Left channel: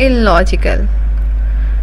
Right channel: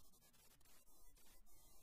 illogical۔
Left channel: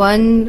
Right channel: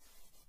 1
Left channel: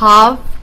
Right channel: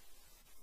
1/2